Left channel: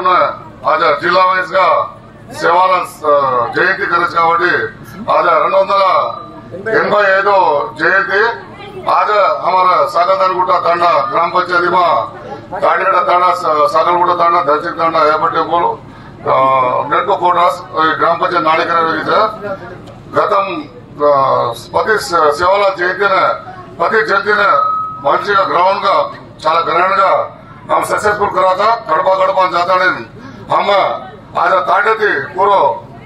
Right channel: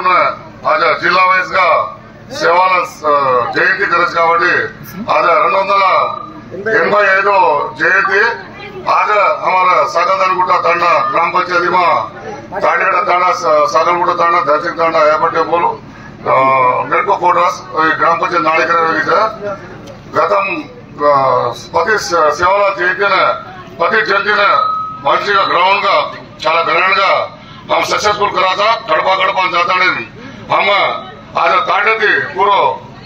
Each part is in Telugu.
पुन्हा आज जिल्हा वाइज का सेवाला जयंती करायची కాబట్టి आज 285 जयंती आज हमारा सागरदानगुट्टा तांडा ग्राम पंचायती में ताड़ीगढ़ तांडा सागरगुट्टा तांडा दर्शक तांडा यापटे बोलो नेटको कोटरास ग्राम पंचायत नाड़ेकर गतम प्रति सेवाला जयंती प्रति जयंती मंची ग्राउंड का చాలా గ్రాండ్ గా हम सक्सेसफुल करा था गड़पा गड़पा जाता नहीं हम आज ताटे पूरा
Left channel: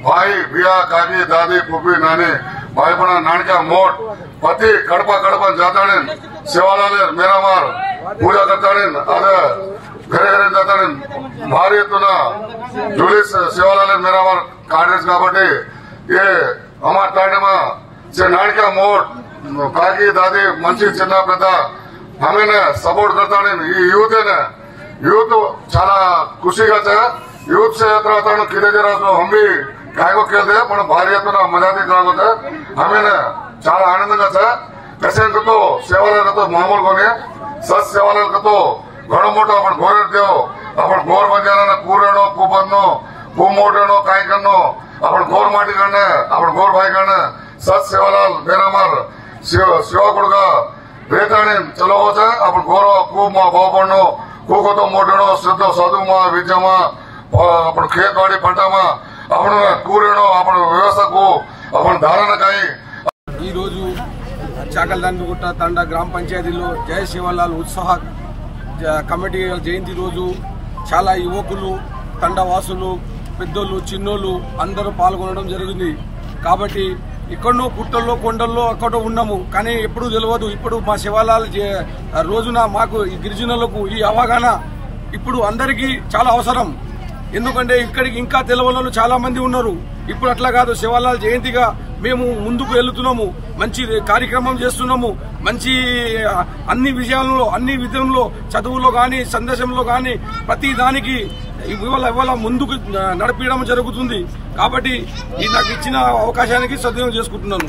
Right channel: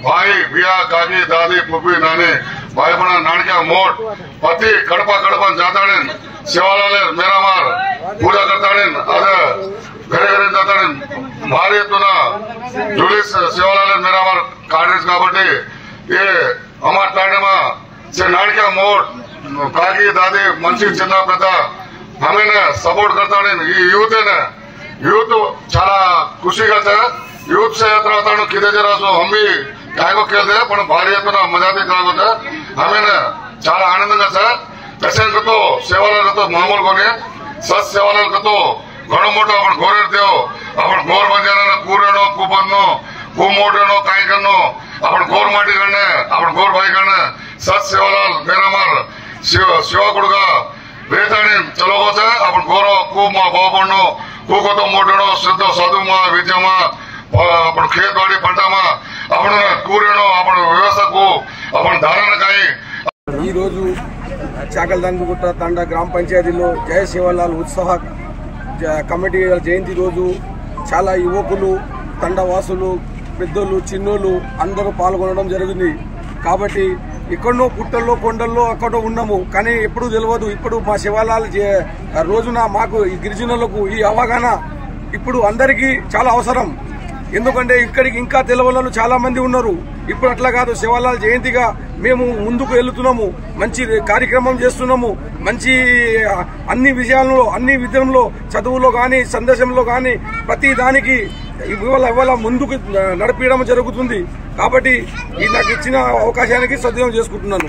भाई बिया काकी दादी पुप्पी नानी भाई बना नानका मोट पति गड़पा गड़पा जाता नहीं सेवालाल मेरा मार पूजा करता नहीं आज घरे घरे जाता नहीं भारी एत्तुना जुलिस सेवालाल मेरा मार कांग्रेस काबट्टी ये हमारे ताटे में से नानका मोट काकी दादी मंची चिन्ना पेद्द हमें सपोर्ट करता यूथ यूथ चाला खुशी का यूथ से तरह किदे जरा हम भी काय को खेलते पण भारी मजा होता हमें चाला आनंद पेशेंट तो सेवालाल तो मामूल को सच सेवालाल तो घणो मोटो अपन घोर देव अपन घोर बजाना कूरेनो कुबनो कुमोटेनो काय करनो अपन घोर माटी करने अपन घोर भाई करने सच सेवालाल मेरा मार शिवा गुड़गा बेताणी चलो अपन घोर कूमा बाबनो कूको तो मोटनो शुद्ध सदुमा विद्यमा अपन खेत बाड़ी पंटा अपन कूरेनो अपन व्यवस्था को अपन धारण काई चाकलदानगुट्टा तांडा ग्राम पंचायती जय सेवालाल उत्साह कमिटी जयंती रोजु चाला युवकुलु తండవాసులు పెద్దోళ్ళు చిన్నోళ్ళు అందరూ పాల్గొనడం జరిగింది కాబట్టి ఎక్కడో పుట్టల్లో కొండల్లో అక్కడ ఉన్నాము కానీ ఎప్పుడు తెలియదు ఇప్పుడు మా శివాలాల్ రోజున మాకు ఈ గిరిజనులకు ఈ అవగాహన ఇప్పుడు అందరికీ చాలా అవసరం ఎందుకంటే ఇక్కడికి ఇంకా తెలియని చాలా మంది ఉన్నారు ఇప్పుడు అట్లా కాదు శివాలాల్ జయంతిగా మేము ముందుకు వెళ్తున్నాము మంచి కార్యక్రమం చేస్తున్నాము మంచి అన్ని విషయాల్లో అన్ని విధంలో చదువులో గాని సందేశంలో గాని ప్రతి దానికి ఇవాళ ముందుకు నడిపించడం జరుగుతుంది కాబట్టి నాకు ఇచ్చిన అవకాశానికి సద్వినియోగం చేసుకుంటున్నాను।